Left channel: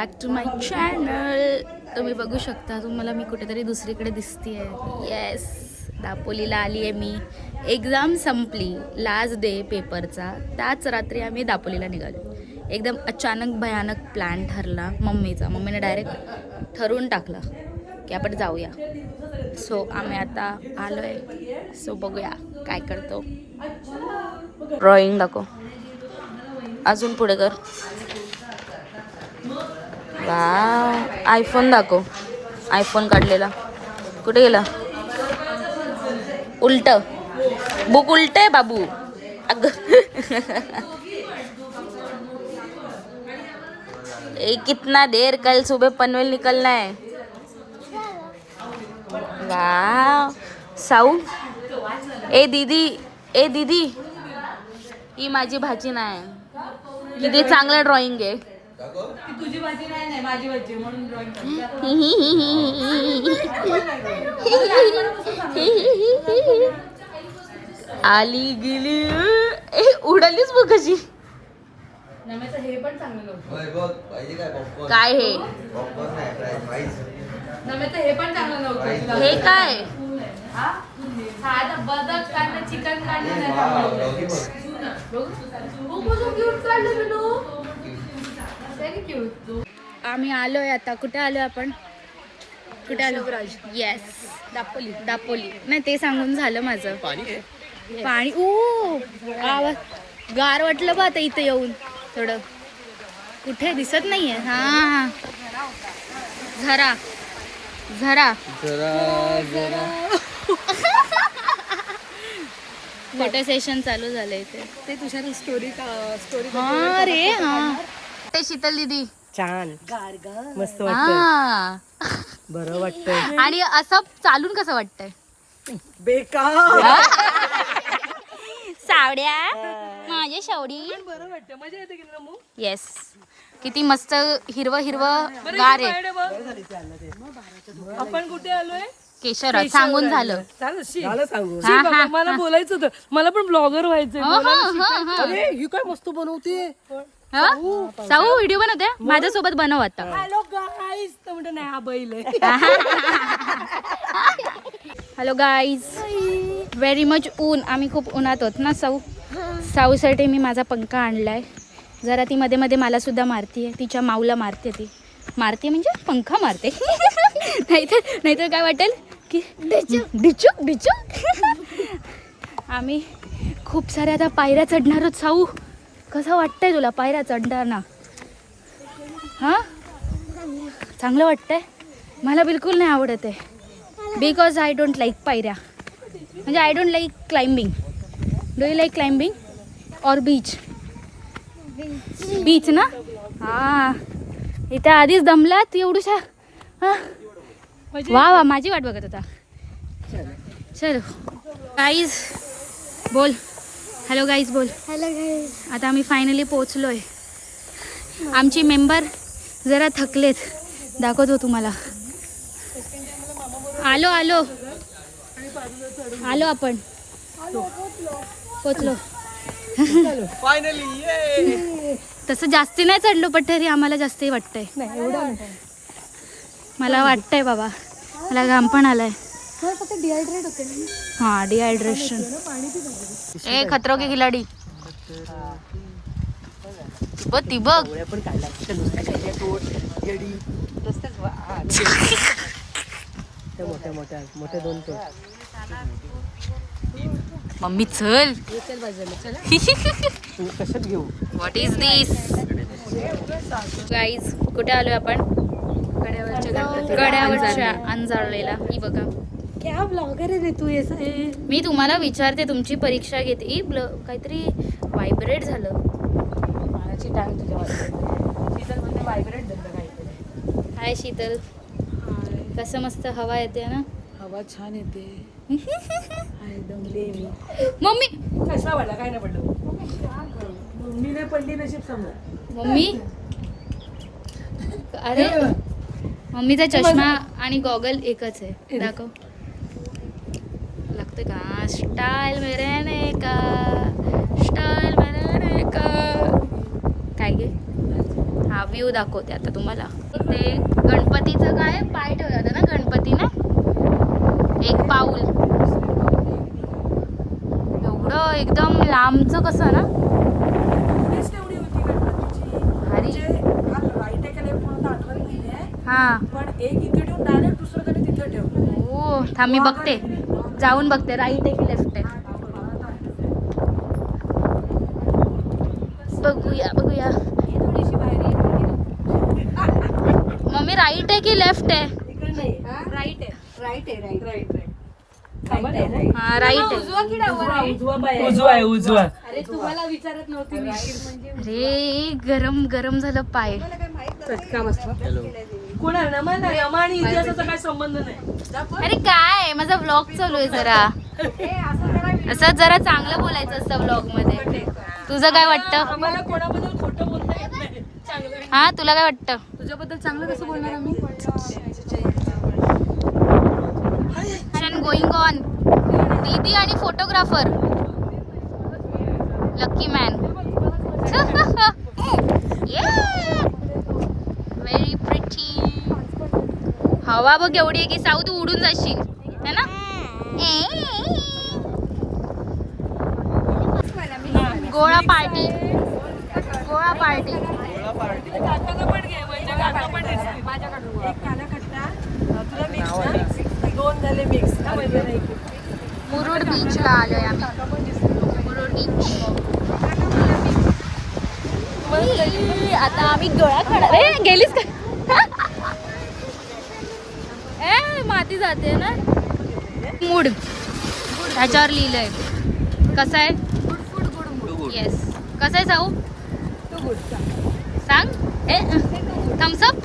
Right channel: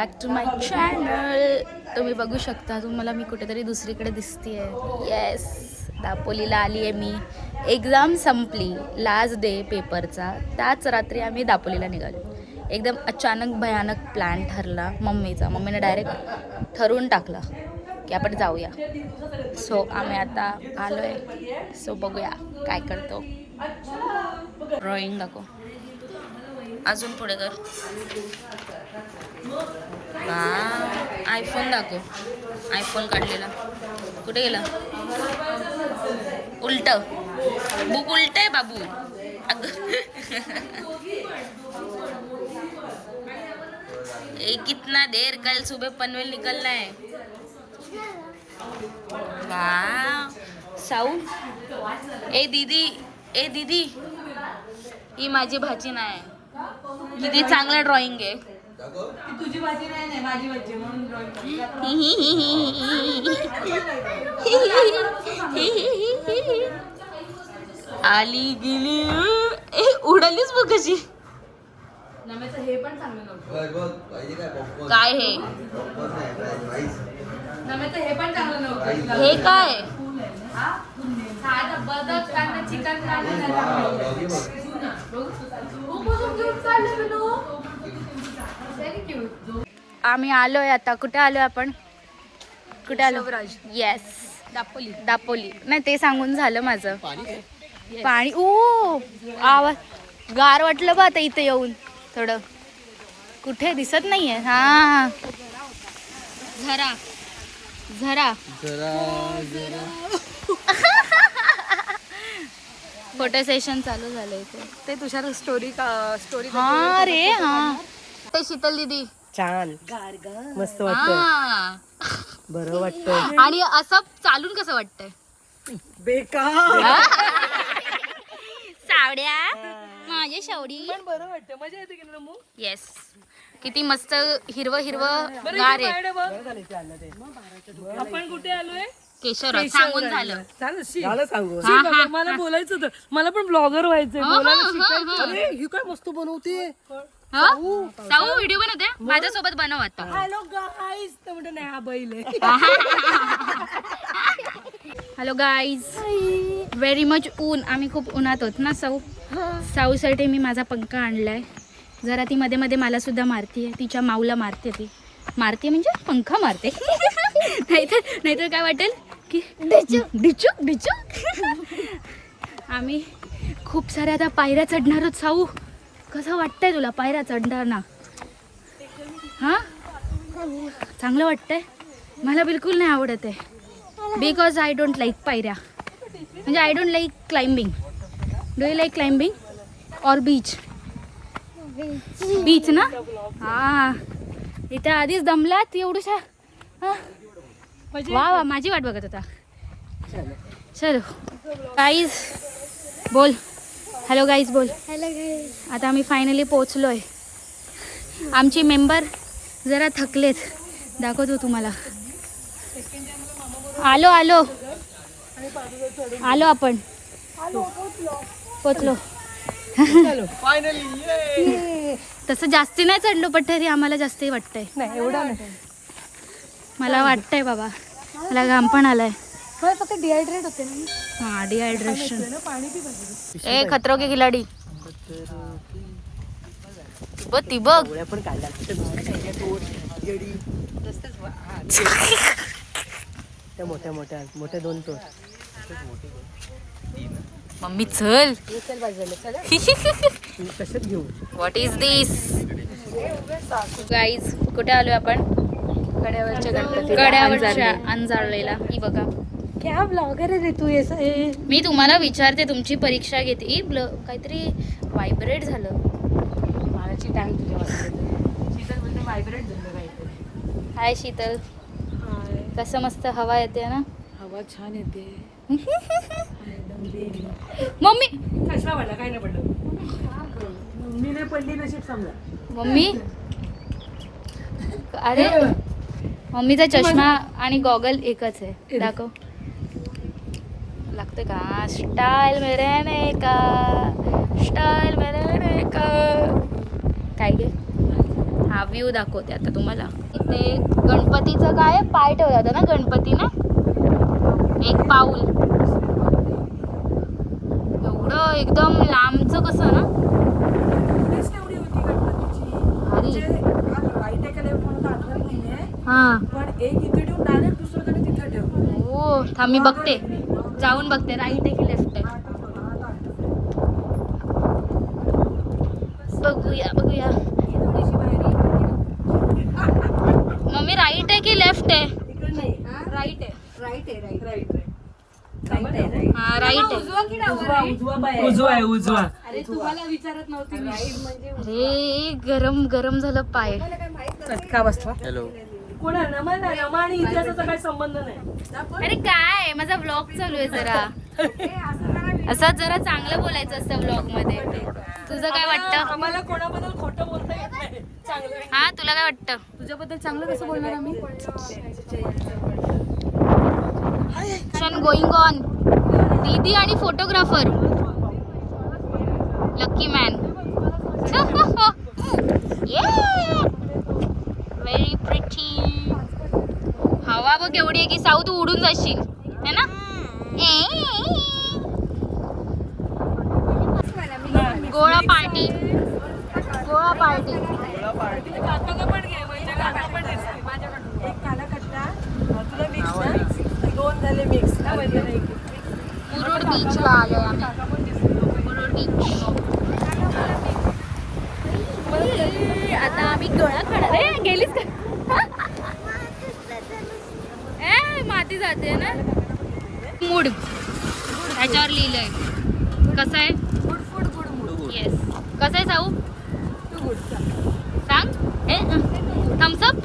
Back to my channel. तुम्ही बघू शकता, तुम्हाला मी कुठेतरी दुसरीकडे दिसतीये. येस, दापोलीला आली आहे मी. एक्झाम संपली, लास्ट डे पेपरचा. त्याच रात्री आम्ही दापोलीला निघालो. एकदम अचानक भयानक प्लॅन ठरला मम्मीने डायरेक्ट ठरवून टाकलं की आपण जाऊया. सो आम्ही आता आलो आहे. सो बघूया काय करतो. ड्रॉइंग दाखव, अजून पुढे कर. वाव, आयफोन दाखव. आयफोन काढलेला कुठे गेला? उलट बुक उलट आहे बाबू. अग कितना देर, कल सुबह पनवेल निकलना है. वाव, साऊ. ए दीदी ही माझी भाची नाही. किती चांगलं ड्रॉइंग आहे. तुझी भाजी नाही, माझी भाजी म्हणून ड्रॉइंग. आली गेली. उडालीच बघ कशी. हे पण चांगलं नव्हतं. काय हे? हे पण चांगलं नव्हतं. हे काय? साधं बदक काढणं, चिकन काढणं. क्यूट काढलं बिनू. आम्ही आलोय आता. कुठे आलोय आपण? कुठे आलो? येस, दापोली. नाही, ते सांगून झालं माझं. पाणी. ओ, आवाज गार वाटलं बा आता इथे येऊन. थोडं कुठे दिसत नाहीये. हा, झरा फोटो सेशन चालू झालंय ते तुझ्या स्टोरी. हा रे, हा. ते शीतल दीदी छान, मस्त वाटत, बरं वाटतंय. आणि असं चालून कसं वाटतंय? बेकार. सावड्या, माझे सावडी. बरं वाटतं, मजा येते की मग. येस, किती मस्त हिरवं गार आहे. आपण कुठे आलोय? केशर सांगून झालं. झालं सांगू. मला बोलायचं होतं, मला पण ब्लॉगर व्हायचंय. अरे ही काय मस्त बनवते. साऊ व्हिडिओ बनवते माझ्यासोबत. बनव आता. Hello guys. तर म्हणतो नाही, हा बैल आहे. हॅलो गाईज, व्हेरी मच ऊन. आम्ही खूप उन्हात होत ना. साऊसाठी मी माझा पंखा आणलाय. जरा ती मध्ये मध्ये मला सुद्धा मारतीये. तिच्या माऊला मारते. ती मारते म्हणजे पंखा मारते. नाहीतर काय वाटेल की डिचू. आम्ही खूप साऱ्या आता पायऱ्या चढणार आहोत. साऊ, कसं वाटतंय तुला पायऱ्या चढताना? हा, चांगलं वाटतंय? मला बिलकुल नाही आवडत आहे. बिकॉज आय डोंट लाईक पायऱ्या. म्हणजे I don't like climbing. Do you like climbing or beach? Beach ना. हा, इथे आधीच दमल्यात एवढूशा. हा, वा, माझी वाट बघत होता. चलो गाईज बोल. हॅलो गाईज बोल. आता आम्ही फायनली पोचलोय. आमची मेंबर जरा थकलेत, दाखवतो तुम्हाला. आलो आपण. पोचलो फायनली. तसं जास्ती नाही चढलो, पण तरी आम्हाला जास्ती वाटतंय. मला वाटतंय बाबा, मला घाम पण आलाय. फक्त डिहायड्रेट होते. हा, डिहायड्रेशन. ए खतरो के खिलाडी. ती बघ. मोठे दोन ठेव. मम्मी चल. कशात घेऊ? What is this guys? कुठे आलोय आपण? कड्यावरच्या अंजारलेला. ही बघा. क्या ब्लॉगर आहे तू? मी तुम्हाला विचारते, तुमची परीक्षा घेते. काहीतरी व्हायब्रेट झालं. हाय शीतल. कसं मस्त हवा येते ना. हवा छान येते. मम्मी कसा वाटला? काय नाही पडलं. मम्मीने पडली नशीब समजा. मम्मी, अरे मम्मीचा चष्मा आणि गॉगल एकच आहे. दाखव. लागतं का? स्टाईल मेरे का, स्टाईल मेरे का. काय गे? हा व्ह्यू दाखवते आता तुम्हाला. ते गणपतीचं काय पाय ठेवला होता ना गणपतीने, एक पाऊल एवढं एकदम लांबचं कसं ना तेच तेवढी होती गणपतीची. म्हणजे काल राईट एकडे म्हणून आठवण नाहीये, हा. पण एक इथे ठेवून डायरेक्ट दुसरीकडे तिथे ठेवलं. हो थांब मी बघते, जाऊन बघते राईट आहे की लेफ्ट आहे. बघूया बघूया मम्मी, राईट आहे की लेफ्ट आहे? राईट आहे. हा राईट आहे. उजवा आहे उजवा. अरे गरम गरम झालं पाय. चटका बसला. कोणा नमन आणि इतिहासाचा काही संबंध नाही. अरे काय माझा व्लॉग चालू आहे जरा, असं जरा चांगलं बोलायचं असतं व्लॉग मध्ये. तुझं काय वाटतं? आम्हाला कोणाबद्दल खोटं बोलता येत नाही. चांगलं हा तुला काय वाटतं? तुझ्याबद्दल चांगलं कसं बोलणार आम्ही? Going on. दीदी आणि photographer lucky man. Very pretty. हवा बघ एवढी आहे की साऊ तू उडून जाशील है ना. गोळा पार्टी, गोळा पार्टी. काकाला पण घे, म्हणजे काका पण दिसतील. एक काला खट्टा तुला मिक्स ना, दोन झाले मिक्स ना म्हणजे. मुरुड बीचला आलोय आम्ही. मुरुड बीच. आता आम्ही गोळा खाणार. ए गेलीस का? माती जाते ना. मूड त्याच्यावर लिहिलंय. कसं आहे? Good food good mood. Yes. कसं आहे साऊ? तू गुड सांग. ए थम्सअप.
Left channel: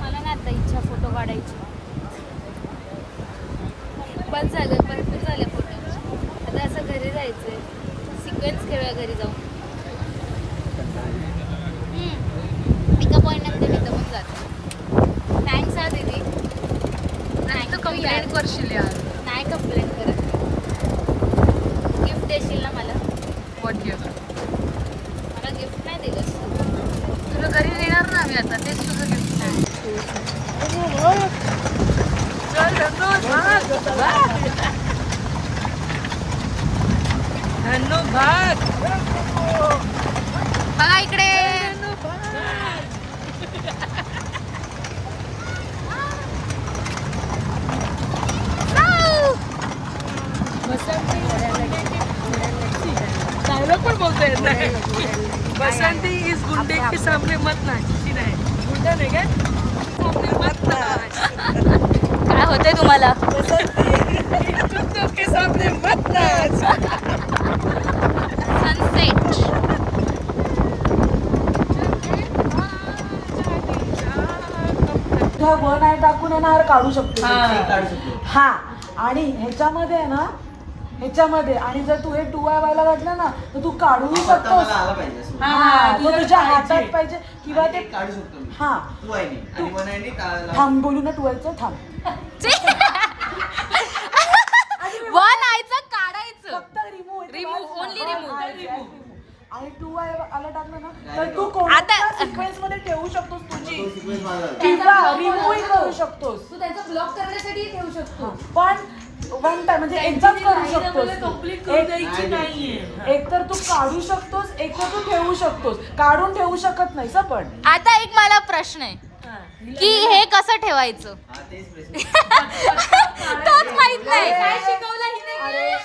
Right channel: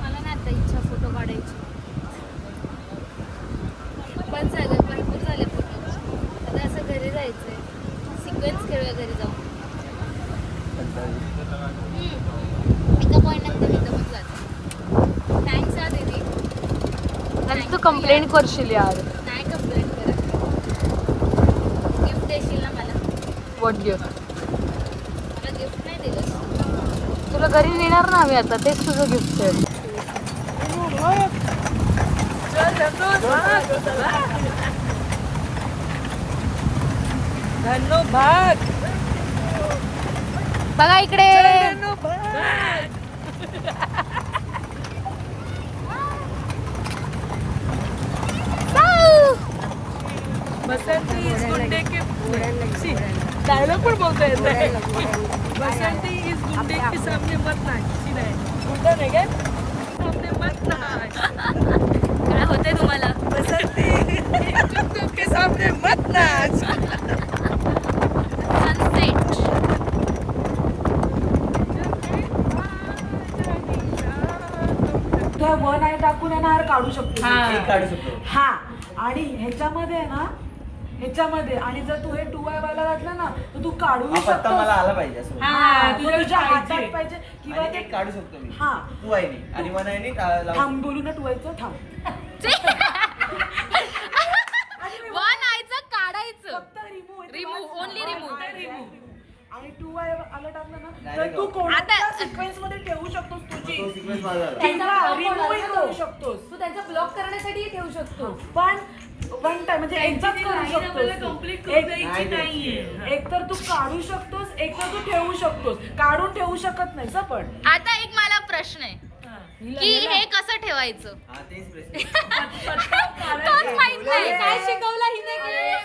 मला ना आता इच्छा फोटो काढायची. पण झालं, भरपूर झाले फोटो. आता असं घरी जायचंय. सिक्वेन्स खेळूया घरी जाऊन. एका पॉईंटनंतर मी दमून जाते. थँक्स हा दीदी. कंप्लेंट करशील यार. नाही कंप्लेंट करत. गिफ्ट देशील ना मला? What gift? मला गिफ्ट नाही दिलंस तू. तुला घरी नेणार ना आम्ही आता, तेच तुझं गिफ्ट आहे. बघा इकडे. बसंती इज गुंडे की सामने मत नाच. गुंडा नाही काय? सामने मत नाच. काय होतंय तुम्हाला? बसंती के सामने मत नाच. सनसेट. वन आहे टाकून येणार काढू शकतो. काढू शकतो. हा, आणि ह्याच्यामध्ये आहे ना, ह्याच्यामध्ये आणि जर तू हे 2i वाला घातलं ना तर तू काढूही हा पत्ता शकतोस. मला आला पाहिजे असं. तो तुझ्या हातात पाहिजे किंवा आणि ते एक काढू शकतो मी. हा. तू आहे नी आणि मन आहे नी थांब बोलू ना 2iचं. थांब. वन आयचं काढायचं. Remove only remove. आणि 2i आला टाकलं ना नाही तर रे तू बाबा. कोणत्या आता- सिक्वेन्स मध्ये ठेवू शकतोस तुझी, तो सिक्वेन्स माझा आला. किंवा रिमूव्ह करू शकतोस. तू त्यांचा ब्लॉक करण्यासाठी ठेवू शकतो. पण वन टाइम म्हणजे एकदाच करू शकतोस. नाहीये. एक तर तू काढू शकतोस, एक तर तू ठेवू शकतोस. काढून ठेवू शकत नाहीस पण. आता एक मला प्रश्न आहे की हे कसं ठेवायचं? हा तेच प्रश्न. तोच माहित नाही.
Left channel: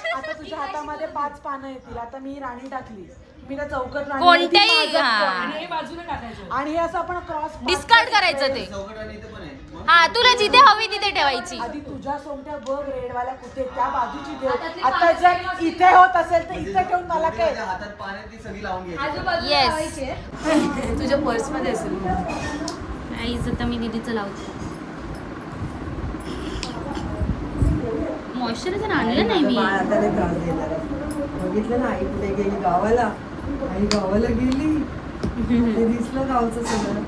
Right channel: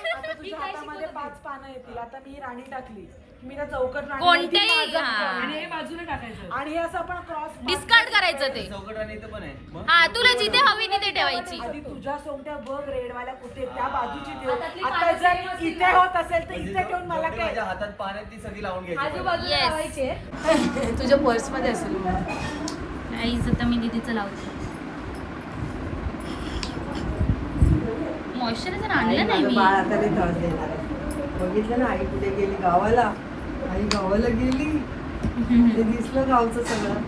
आता तुझ्या हातामध्ये 5 पानं येतील. आता मी राणी टाकली, मी त्या चौकट राणी कोणत्याही मध्ये हा. आणि हे बाजूला टाकायचं आणि हे असं आपण क्रॉस डिस्कार्ड करायचं ते. चौकट आणि इथं पण आहे. मग? हा तुला जिथे हवी तिथे ठेवायची. आधी तुझ्या सोंगट्या बघ रेडवाल्या कुठे, त्या बाजूची ठेव. आता जर इथे होत असेल तर म्हणजे इथे ठेवून मला जेवढी काय. माझ्या हातात पाण्यात ती सगळी लावून घ्यायची. आजूबाजूला Yes. लावायचे. तुझ्या पर्स मध्ये असेल. आता मी दीदीचं लावते. मॉइश्चरायझर आणलं नाही मी. आता नाही त्रास देणार. बघितलं ना आई कुठे गेली गावाला. आई गावाला गेली, ते दिसलं गावचं सगळं.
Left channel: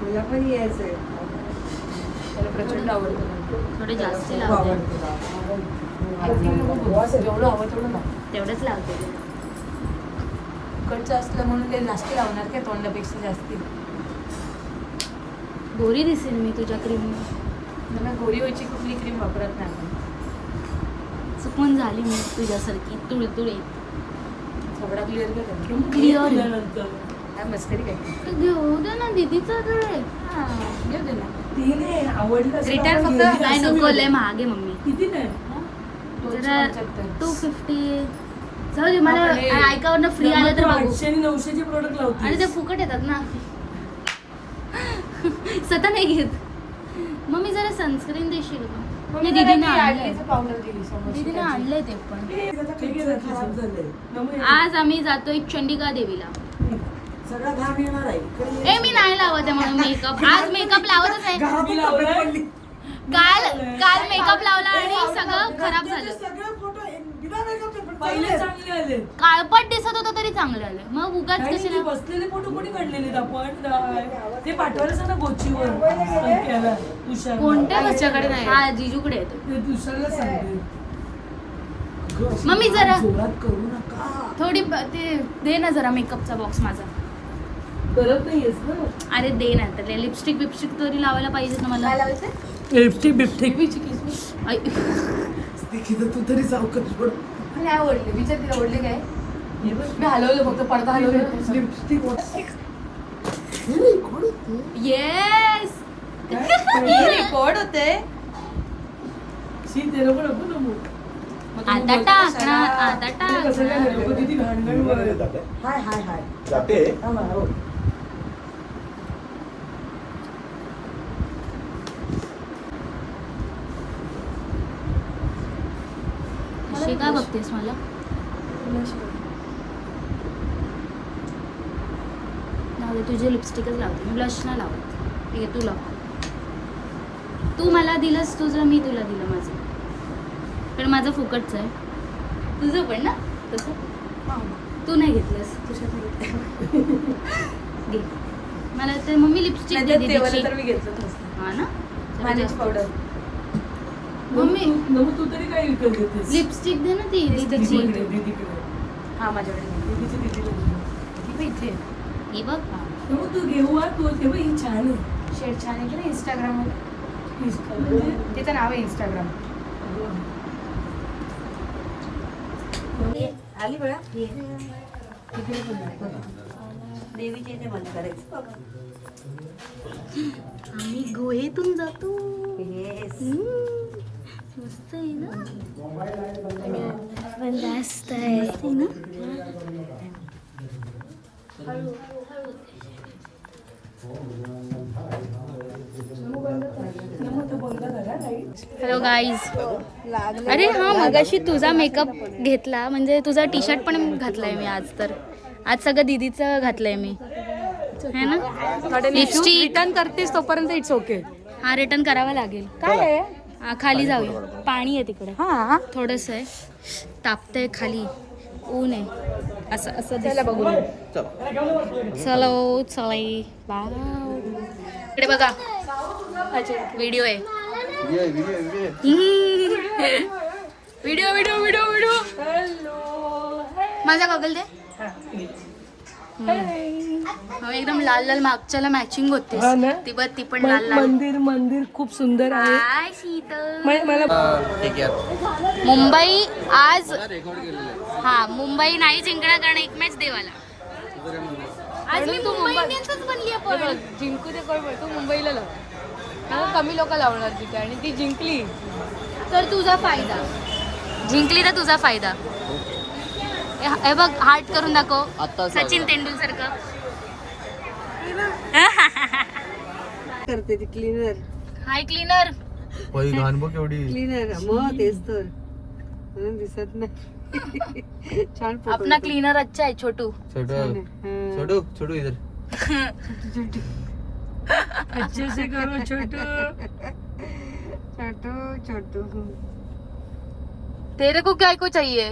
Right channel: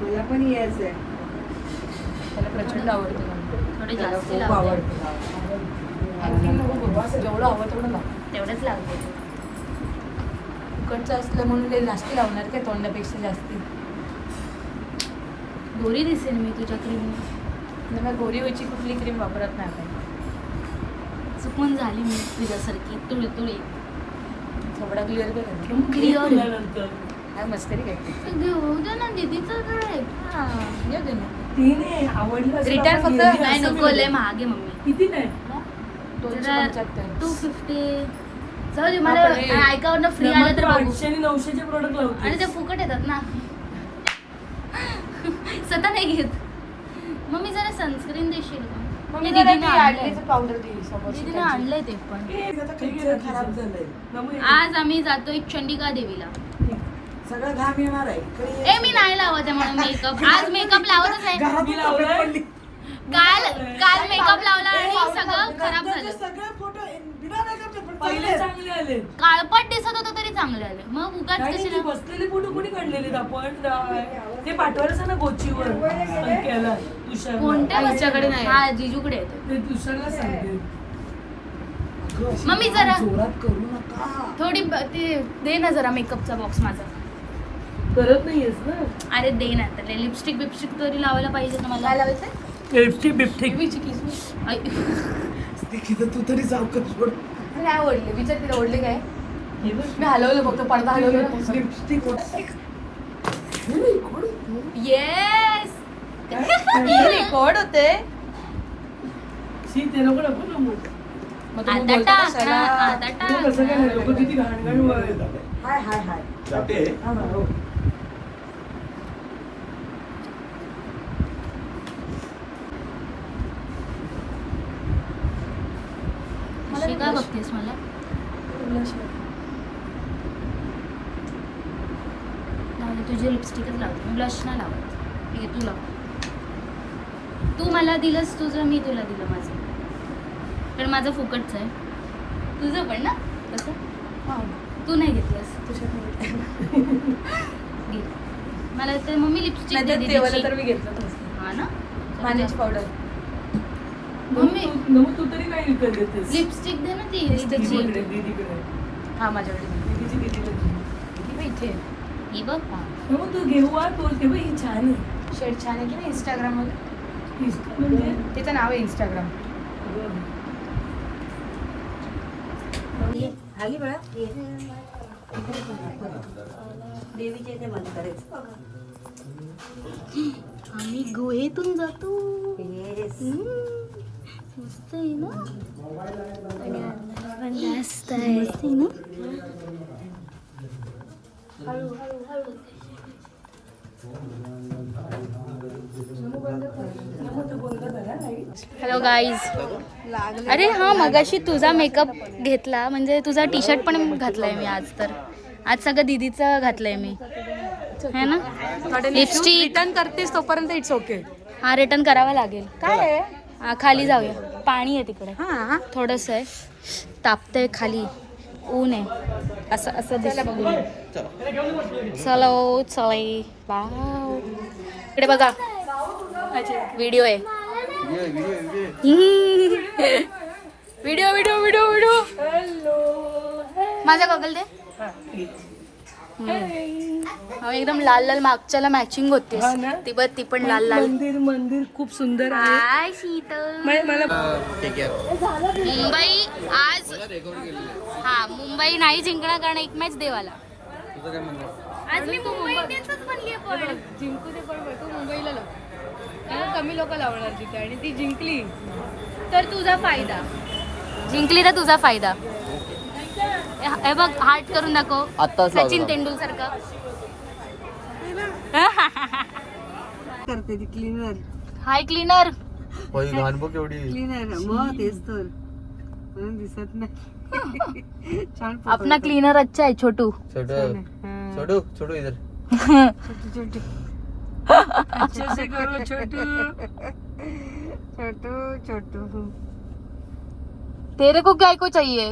तुला पण यायचंय. मला प्रचंड आवडतं. थोडे त्याला जास्त खूप लावते आवडतं जेवढं आवडतं तेवढं लाव. तेवढंच लावते तिखटचं असलं म्हणून ते जास्ती लावणार काय तोंडापेक्षा जास्ती. गोरी दिसेल मी तुझ्या क्रीम मला गोरी व्हायची कुठली क्रीम वापरत नाही आपण. चुकून झाली मी तुझ्यासारखी तुळतुळे कपडा क्लिअर कर. Clear. काय मस्करी काय घेऊ दे ना दीदीचं घर आहे. घेऊ दे ना. तिने आवडलं असेल रिटर्न आपण फक्त घेऊया काय असं नको मी लय महाग आहे मम्मी किती नाही जरा 275. 250 जाऊ दे मला ऐकावरनं फ्री आले तर बघू 800 आणि 900चे प्रोडक्ट लावते. आणि ते फुकट येतात ना स्वतः नाही घेत मम्मी जरा सनस्क्रीन देशील का? नाही, दीदीने आणलंय पावडर दिली दीदीने आणलंय ते पण खराब झालंय. मग आज आम्ही जातोय चंडिका देवीला सगळं घाम येणार आहे. ए मी नाही लावत आहे म्हणून मेकअप आज मेकअप लावतच आहे मी लावलाय. काल काल मेकअप लावला आणि सगळं खराब झालं सगळे फोटो पहिले चांगले आले. काळपट दिसत होतं तरी चांगलं आलं मग उगाच नाही, कशी ते बसलेले फोटो कोणी काढलेले आपण ते पाठवायचं ना गोचीवर संख्याला तुषार कोणत्या हिच्याकडे नाही हा जिजूकडे येतो तुषारला सांगते मम्मी जरा जोरात करू नका. थोडी ते दे ना जरा मेकअपचा बॉक्स माझा करत नाहीयेस ना अरे दे ना तर लिपस्टिक बिपस्टिक तरी लावायला पाहिजे ना मला काय लावायचं लिपस्टिक बिपस्टिक तू तरी सावकाश सोड. काय ओढले विचार तिला ओढले काय मी हलवलं फक्त पडदा हलवलं लिपस्टिक येस रेकॉर्ड होते आता टाक ना आता टाक हाय हाय हाय अशी का बघतेस मला लावते तुझे लिपस्टिकच लावते ब्लश नाही लावत हे तू लाव तू मला दिलंस तुझं मी तुला दिलं माझं पण माझं फुकटच आहे तुझं पण ना तसं तू नाही घेतलंस मला ते मम्मी लिपस्टिक तर मी घेतलं हा ना मानेस पावडर मम्मी तू तरी काय विकत घेतेस लिपस्टिक दे ना ती दीदीकडे हा माझ्याकडे दीदीची इथे ही बघ मग तू घेऊ तू ते ही छान आहे शेड छान येते ना इंस्टाग्राममध्ये म्हणजे तिचं नाव आहे इंस्टाग्राम आली बघा देवीच्या इथे बंद करायचं आम्ही गुहेतून जातो मस्त आहे ना मस्त आहे ना हॅलो गाईज अरे हा मगाशी तुझा मेकअप घेतला म्हणजे तुझा टी शर्ट पण घातलाय मी आज तर आज सगळं दीदीचं घातलंय मी है ना लिपस्टिक रिटर्न करतेस तोपर्यंत इट्स ओके हा रिटर्न करावा लागेल काय खाली जाऊया पाणी आहे तिकडे हा थोडंसं आहे तापतंय खाली ऊन आहे असं असं चला बघूया चलो चले वाव इकडे बघा व्हिडिओ आहे व्हिडिओ व्हिडिओ व्हिडिओ व्हिडिओ माझा गॉगल दे हा एकदम लाल लाल मागच्याला मॅचिंग होते हा ना? ती बघ ती पण लाल लाल मंदिर खूप सुंदर आहे हाय शीतल मला मुंबई आज हा मुंबई नाही जिंकणार कारण एक मॅच देवाला आज मी मुंबई इंडियन्सच बनली पण जिंकू दे तू मुंबईला लाव कमी लोक लावणार तिथे आणि ती जिंकली तर तुझा फायदा जिंकली तर तुझा फायदा हे बघ हार्ट करून दाखव सचिन तेंडुलकर सारखं करते ती क्लीनर हाय क्लीनर घाण बघ एवढी क्लीनर मग तेच तर म्हणून दिसत नाही छान photo अपना होते. क्लीनर अच्छा है छोटू छोटू छोटू इधर अच्छे से करो छोटू छोटू छोटू तेरे को क्या को चाहिए